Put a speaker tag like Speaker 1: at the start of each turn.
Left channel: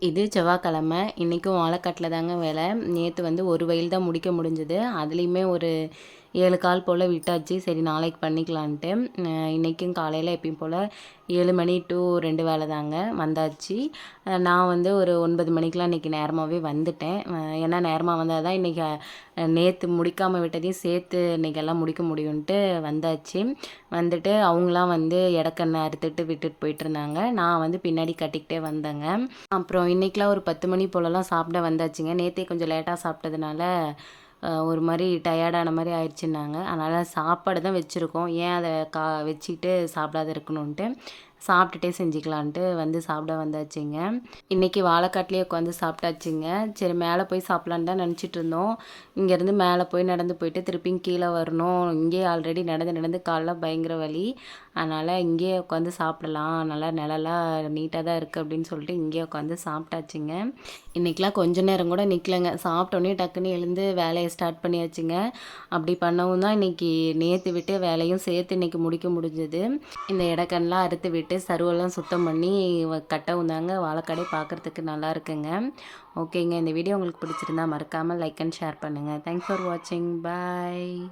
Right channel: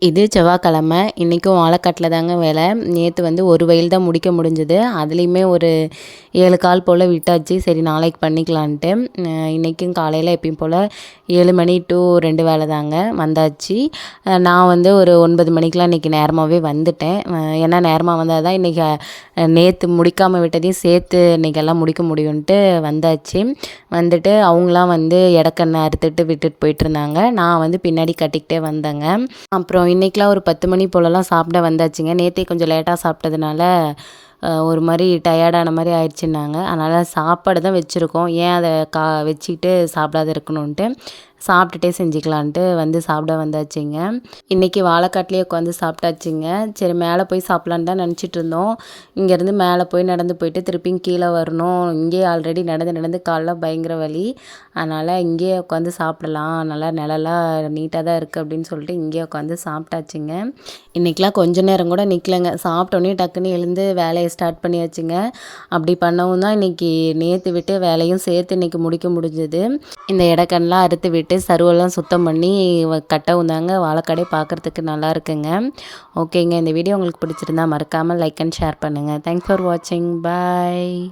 Speaker 1: இது செவ்வாய்க்கிழமை. இன்றைக்கும் வாழைக்காட்டில் தாங்க வேலை. நேற்று வந்து ஒரு வயல் தான் முடிக்க முடிஞ்சது. அதுலேயுமே ஒரு ஏழு கால் போல் விட்டாச்சு. சரி நாளைக்கு பண்ணிக்கலான்ட்டு. இன்றைக்கும் காலையில் எப்பயும் போல் ஏழு மணி டு ரெண்டு வேலை தாங்க வந்தாச்சு. நான் வந்து ஒரு ஒன்பது மணிக்கெலாம் இன்றைக்கி நேரமாகவே வந்துட்டேன். ஏன்னா நேரமாக வந்தால் தான் இன்றைக்கி நேற்று முடிக்காமல் விட்டதையும் சேர்த்து இன்றைக்கி எல்லாம் முடிக்க முடியும்ன்ட்டு வந்தாச்சு. வந்துட்டு அவங்களாம் வந்து இடக்கண்ணை அறுத்துட்டு விட்டுட்டு போயிட்டுருந்தாங்க நான் வந்து பின்னாடி கட்டிக்கிட்டே வந்தேங்க. அப்புறம் இன்றைக்கெலாம் ஒரு பத்து மணி போலலாம் சாப்பிட வந்தாச்சுங்க. நேற்றே கொஞ்சம் லேட்டாக சாப்பிட்டதுனால ஒரு மாதிரி டயர்டான மாதிரி ஆயிடுச்சுன்னாங்க. அதனால் சாப்பாடு தான் வச்சுருக்கோம். ஏன் அதை கா வச்சுக்கிட்டு சாப்பிடாத இருக்கணுன்ட்டு சாப்பிட்டுட்டே செஞ்சுக்கலான்ட்டு வந்து சாப்பிட வந்தாச்சுங்க. இன்றைக்கி வாழைக்காட்டிலே உட்காந்து சாப்பிட்டாச்சுங்க. சரி மேலே போய் சாப்பிட்லான்னு தான் நினச்சிட்டு இருந்தோம் இங்கேருந்து மேலே போய் நடந்து போயிட்டு திருப்பியும் கீழே வரணும். இங்கேயே ஆல்ரெடி நடந்து நடந்து காலைல பயங்கர வலி. அதனால் இங்கேயே உட்காந்து சாப்பிடலாம். நல்லா நிழலாக நீட்டாக தான் இருக்குது அப்படின்னு சொல்லிட்டு இங்கேயே உட்காந்து சாப்பிட்டாச்சுங்க. இன்றைக்கெலாம் கொஞ்ச நேரம் கூட நிற்கலைங்க சாப்பிட்டோன்னே டக்குன்னு எழுந்து வேலையை ஸ்டார்ட் பண்ணியாச்சுங்க. அப்படி பண்ணவும் தான் இன்றைக்கி நேற்று விட்டு வேலையும் சேர்த்து இன்றைக்கி முடிக்க முடிஞ்சது. இந்த இடக்கண்ணெலாம் அறுத்து விட்டு சருவெல்லாம் சுத்தம் பண்ணி கட்ட வந்தாங்க. வாழைக்கடை பார்க்குறதுக்கு நல்லா இருக்குங்க. ஓகேங்க. இந்த வீடியோ உங்களுக்கு பிடிச்சிருந்தா மறக்காமல் லைக் அண்ட் ஷேர் பண்ணுங்கள் தேங்க்ஸ் ஃபார் வாட்சிங் பாய்